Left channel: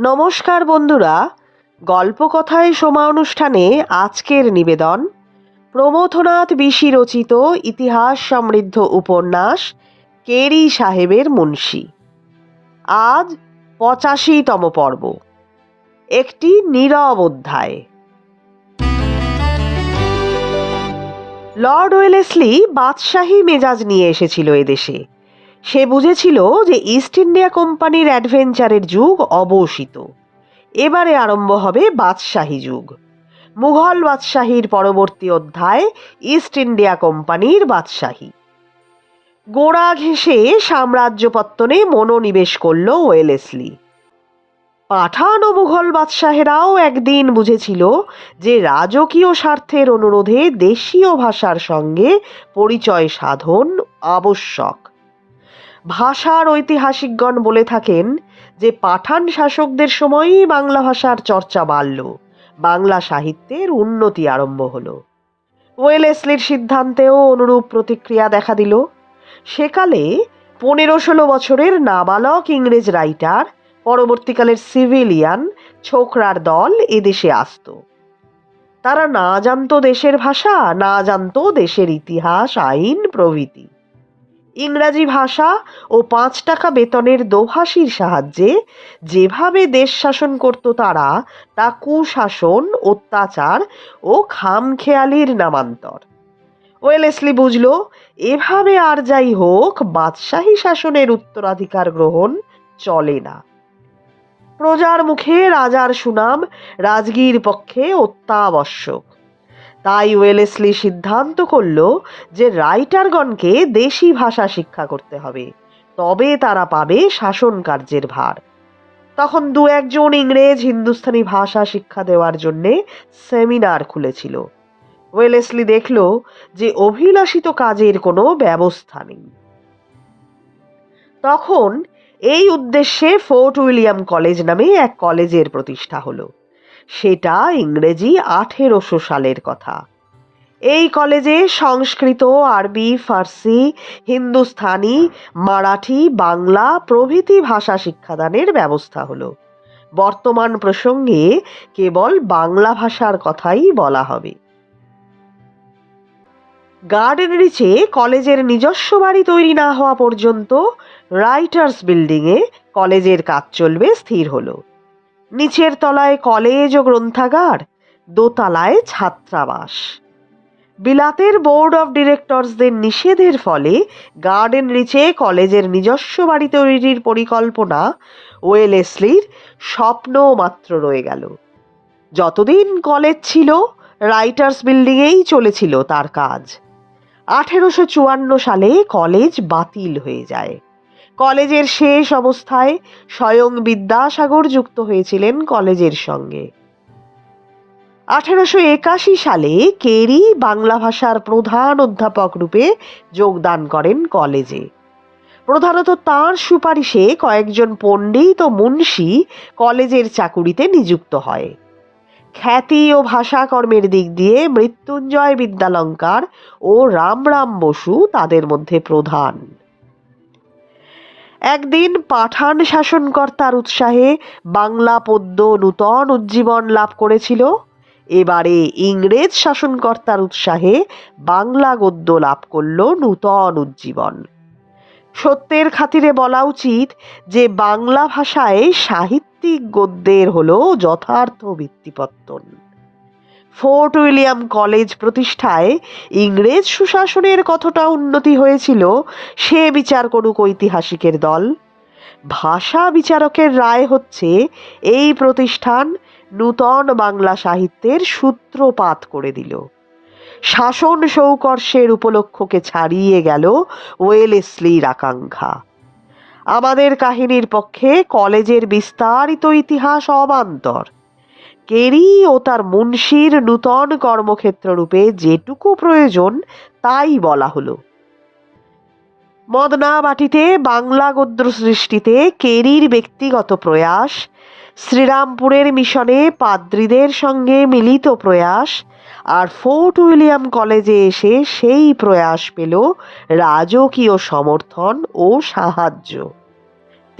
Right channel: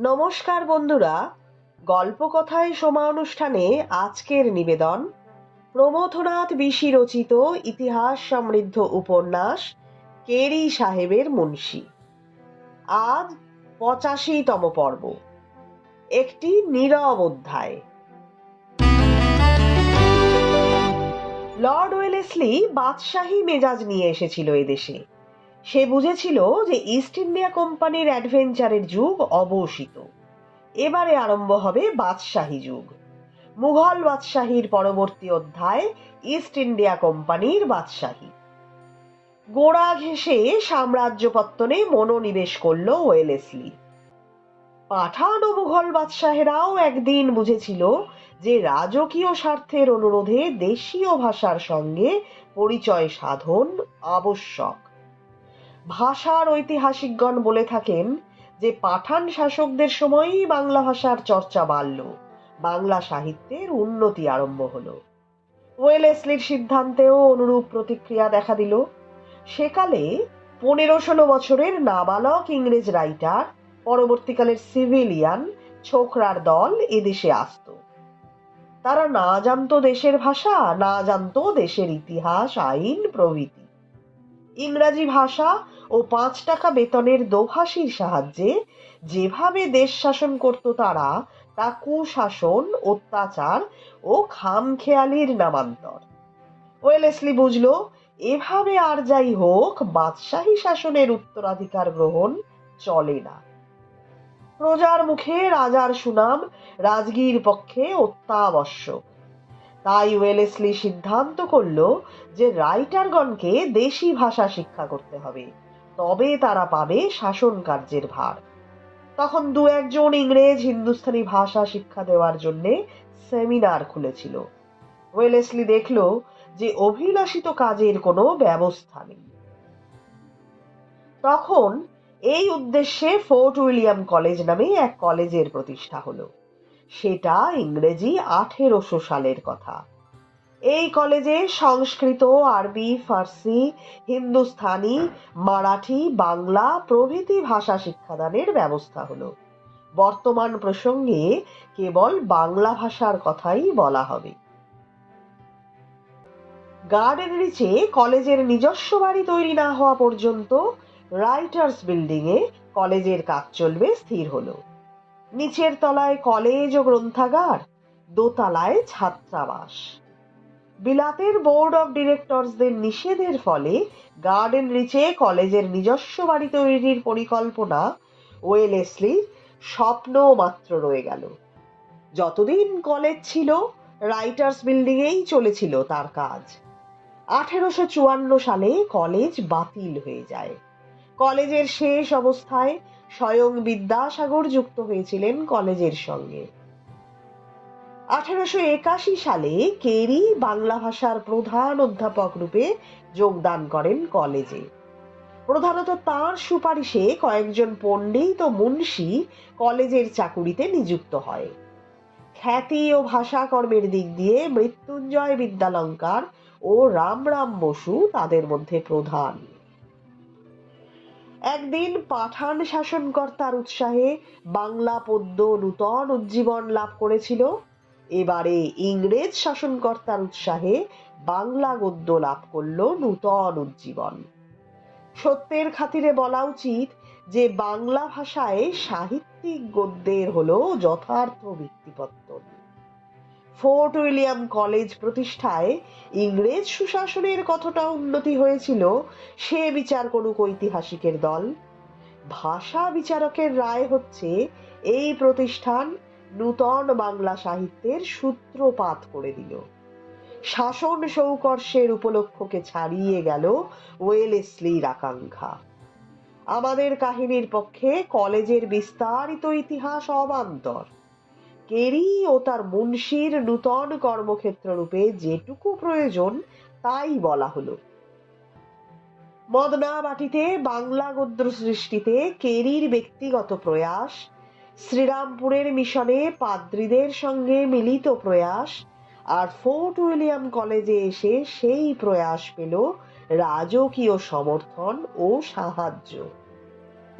নমস্কার বন্ধুরা, গল্পকথায় সোমা অনুষ্ঠানে আজকের নিবেদন। প্রমথনাথ বিশি রচিত ইতিহাস সমৃদ্ধ উপন্যাস, কেরি সাহেবের মুন্সি। আজ পঁচাশিতম পর্ব। একটি নীরব অধ্যায়। লর্ড ওয়েলেসলি বাদশাহী মেজাজ নিয়ে এসেছিল এদেশে। সে বুঝেছিল যে ইস্ট ইন্ডিয়া কোম্পানির অ্যাডভেঞ্চারের যুগ অবসিত এবারে আরম্ভ হবে বাদশাহী যুগ। মুঘল বাদশাহীর পরবর্তী অধ্যায় ইস্ট ইন্ডিয়া কোম্পানির বাদশাহী। গোড়া ঘেঁষে সাম্রাজ্য পত্তনে মনোনিবেশ করল ওয়েলেসলি। পাঠান ও মুঘল বাদশাহেরাও একদিন বুঝেছিল যে রাজকীয় স্বার্থের অনুরোধে দেশীয় ভাষার সঙ্গে পরিচয় সাধন আবশ্যক। ভাষার ঐতিহাসিকগণ বলে থাকেন যে পাঠান শাসকদের সময়ই বাংলা ভাষার চর্চা বাড়ল। বাংলা সাহিত্যের উন্নতি আরম্ভ হলো। ওয়েলেসলির সিদ্ধান্তেও অনুরূপ প্রতিক্রিয়া দেখা দিল। সেকালে পনেরো ষোলো বছরের নাবালক ইংরেজ রাইটার, পরবর্তীকালের সিভিলিয়ান ছোকরার দল এদেশে আসত। তারা না জানতো দেশের ভাষা, না জানতো দেশের ইতিহাস, আইন, প্রভৃতি। ইংরাজি ভাষা ও পাঁচ টাকা বেতনের দোভাষীর সাহায্যে যেভাবে দেশ শাসন করত তারা, তা কুশাসন, অত্যাচার ও খামখেয়ালির নামান্তর। ওয়েলেসলি বুঝল, এভাবে আর যাই হোক, বাদশাহী শাসনের উত্তরাধিকার গ্রহণ চলে না। প্রজার মুখে রাজার সুনাম, রাজগীর পক্ষে অত্যাবশ্যক। তাই ওয়েলেসলি সিদ্ধান্ত করল যে রাইটারগণকে দেশি ভাষা শিক্ষা করতে হবে। তবে তারা পাবে শাসন কার্যের ভার। তখন দু একজন ইংরেজ হিন্দুস্তানি ভাষা শিক্ষা দেওয়ার জন্য সেমিনার খুলেছিল। ওয়েলেসলি দেখল যে অভিলাষিত কাজের কোনো ব্যবস্থা নেই। তখন এই উদ্দেশ্যে ফোর্ট উইলিয়াম কলেজ নামে এক কলেজের প্রতিষ্ঠা হলো। সেটা ইংরেজি আঠেরোশো সালের কথা। এই কলেজে সংস্কৃত, আরবি, ফার্সি হিন্দুস্থানি মারাঠি, বাংলা প্রভৃতি ভাষা শিক্ষাদানের ব্যবস্থা হলো। বর্তমান প্রসঙ্গে কেবল বাংলা ভাষার কথাই বলা হবে। গার্ডেন রিচে কলেজের নিজস্ব বাড়ি তৈরি না হওয়া পর্যন্ত রাইটার্স বিল্ডিংয়ে কলেজের কাজ চলবে স্থির হলো। নিচের তলায় কলেজ ও গ্রন্থাগার, দোতলায় ছাত্রাবাস। বিলাতের বোর্ড অফ ডিরেক্টরসদের নিষেধের ফলে গার্ডেন রিচে কলেজের নিজস্ব বাড়ি তৈরির পরিকল্পনা ওয়েলেসলির স্বপ্ন মাত্র রয়ে গেল। যতদিন কলেজ ছিল, রাইটার্স বিল্ডিংয়েই চলেছিল তার কাজ। আঠেরোশো চুয়ান্ন সালে কলেজ বাতিল হয়ে যায়। কলেজের শেষ অবস্থায় স্বয়ং বিদ্যাসাগর যুক্ত হয়েছিলেন কলেজের সঙ্গে। আঠারোশো একাশি সালে কেরি বাংলা ভাষার প্রধান অধ্যাপক রূপে যোগদান করেন কলেজে। প্রধানত তাঁর সুপারিশে কয়েকজন পণ্ডিত ও মুন্সি কলেজের চাকুরিতে নিযুক্ত হয়। খ্যাতি ও ভাষাকর্মের দিক দিয়ে মৃত্যুঞ্জয় বিদ্যালঙ্কার ও রামরাম বসু তাদের মধ্যে প্রধান। একদিন পাঠান শাসনকর্তার উৎসাহে বাংলা পদ্য নূতন উজ্জীবন লাভ করেছিল। এবারে ইংরেজ শাসনকর্তার উৎসাহে বাংলা গদ্য লাভ করল নূতন উজ্জীবন। সত্যের খাতিরে বলা উচিত যে বাংলা ভাষায় সাহিত্যিক গদ্যের হল যথার্থ ভিত্তিপত্তন। ফোর্ট উইলিয়াম কলেজ প্রতিষ্ঠায় ইংরেজ সুশাসনের কতটা উন্নতি হয়েছিল, সে বিচার করুক ঐতিহাসিকের দল। ভাষা বিচারকের রায় হচ্ছে, এই প্রতিষ্ঠান নূতন বাংলা সাহিত্যের সূত্রপাত করে দিল। শাসন সৌকর্ষের উপলক্ষকে ছাড়িয়ে গেল ওয়েলেসলির আকাঙ্ক্ষা। আমাদের কাহিনীর পক্ষে কলেজের বিস্তারিত ইতিহাস অবান্তর। কেরি ও তার মুন্সির নূতন কর্মক্ষেত্র রূপে যেটুকু প্রয়োজন, তাই বলা হলো। মদনা বাটিতে বাংলা গদ্য সৃষ্টিতে কেরির ব্যক্তিগত প্রয়াস, শ্রীরামপুরের মিশনে পাদ্রীদের সঙ্গে মিলিত প্রয়াস, আর ফোর্ট উইলিয়াম কলেজে এসে সেই প্রয়াস পেল রাজকীয় সমর্থন ও সাহায্য।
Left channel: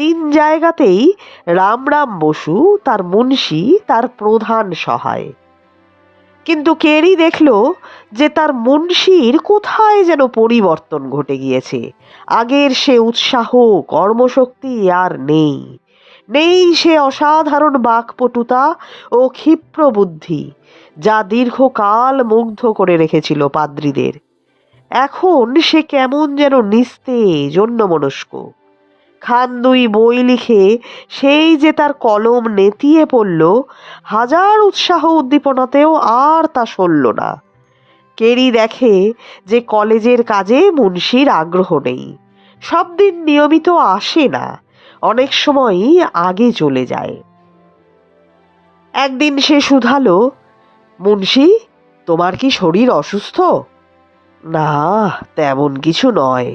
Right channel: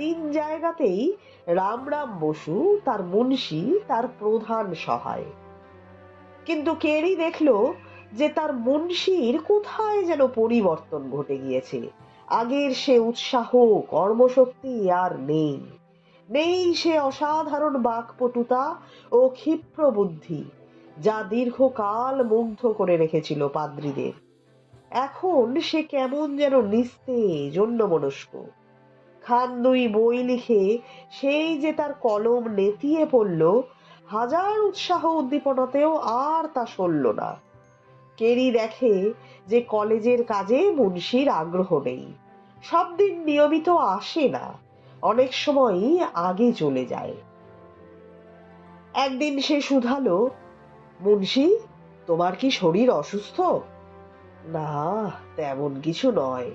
তিন জায়গাতেই রামরাম বসু, তার মুন্সি, তার প্রধান সহায়। কিন্তু কেরি দেখল যে তার মুন্সির কোথায় যেন পরিবর্তন ঘটে গিয়েছে। আগের সে উৎসাহ, কর্মশক্তি আর নেই। নেই সে অসাধারণ বাকপটুতা ও ক্ষিপ্র বুদ্ধি, যা দীর্ঘকাল মুগ্ধ করে রেখেছিল পাদ্রীদের। এখন সে কেমন যেন নিস্তেজ, অন্যমনস্ক। খান দুই বই লিখে সেই যে তার কলম নেতিয়ে পড়ল, হাজার উৎসাহ উদ্দীপনাতেও আর তা সরল না। কেরি দেখে যে কলেজের কাজে মুন্সির আগ্রহ নেই, সব দিন নিয়মিত আসে না, অনেক সময়ই আগে চলে যায়। একদিন সে শুধালো, মুন্সি, তোমার কি শরীর অসুস্থ? না, তেমন কিছু নয়।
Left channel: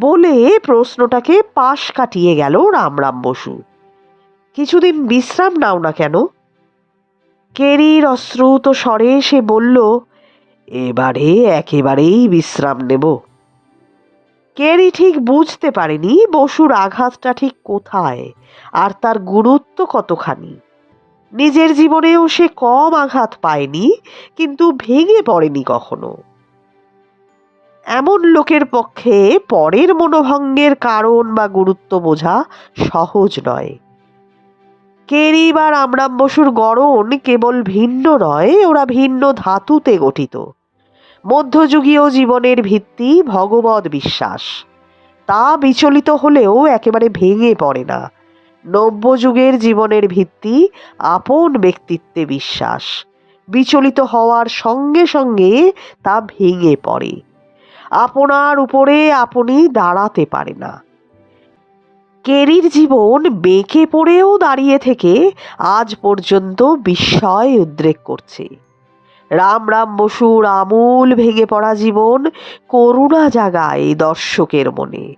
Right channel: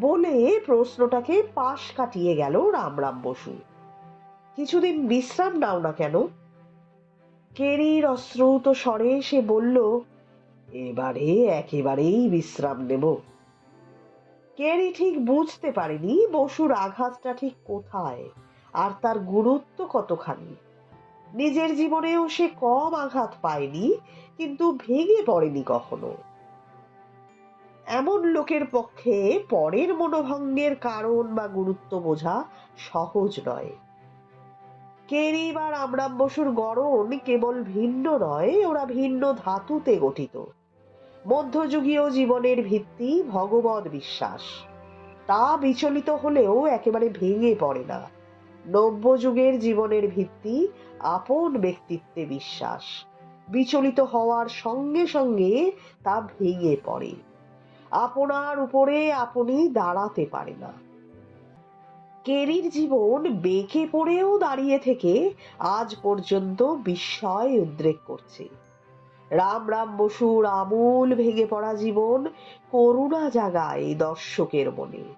বলে প্রশ্নটাকে পাশ কাটিয়ে গেল রামরাম বসু। কিছুদিন বিশ্রাম নাও না কেন? কেরির অশ্রুত স্বরে সে বলল, এবারে একেবারেই বিশ্রাম নেব। কেরি ঠিক বুঝতে পারেনি বসুর আঘাতটা ঠিক কোথায় আর তার গুরুত্ব কতখানি। নিজের জীবনেও সে কম আঘাত পায়নি, কিন্তু ভেঙে পড়েনি কখনো। এমন লোকের পক্ষে পরের মনোভঙ্গের কারণ বা গুরুত্ব বোঝা সহজ নয়। কেরি বা রামরাম বসুর গড়ন কেবল ভিন্ন নয়, ওরা ভিন্ন ধাতুতে গঠিত। মধ্যযুগীয় জীবনের ভিত্তি ভগবত বিশ্বাস। তা বিচলিত হলেও একেবারে ভেঙে পড়ে না। নব্যযুগের জীবনের ভিত্তি আপন ব্যক্তিত্বে বিশ্বাস। বিচলিত হওয়ার সঙ্গে সঙ্গে তা ভেঙে পড়ে। আপনার উপরে আপনি দাঁড়াতে পারে না। কেরির জীবন বেঁকে পড়েও দাঁড়িয়ে থেকে আজ পর্যন্ত বিস্ময় উদ্রেক করছে। রাম রাম বসুর আমূল ভেঙে পড়া জীবন করুণা জাগায় দর্শকের মনে।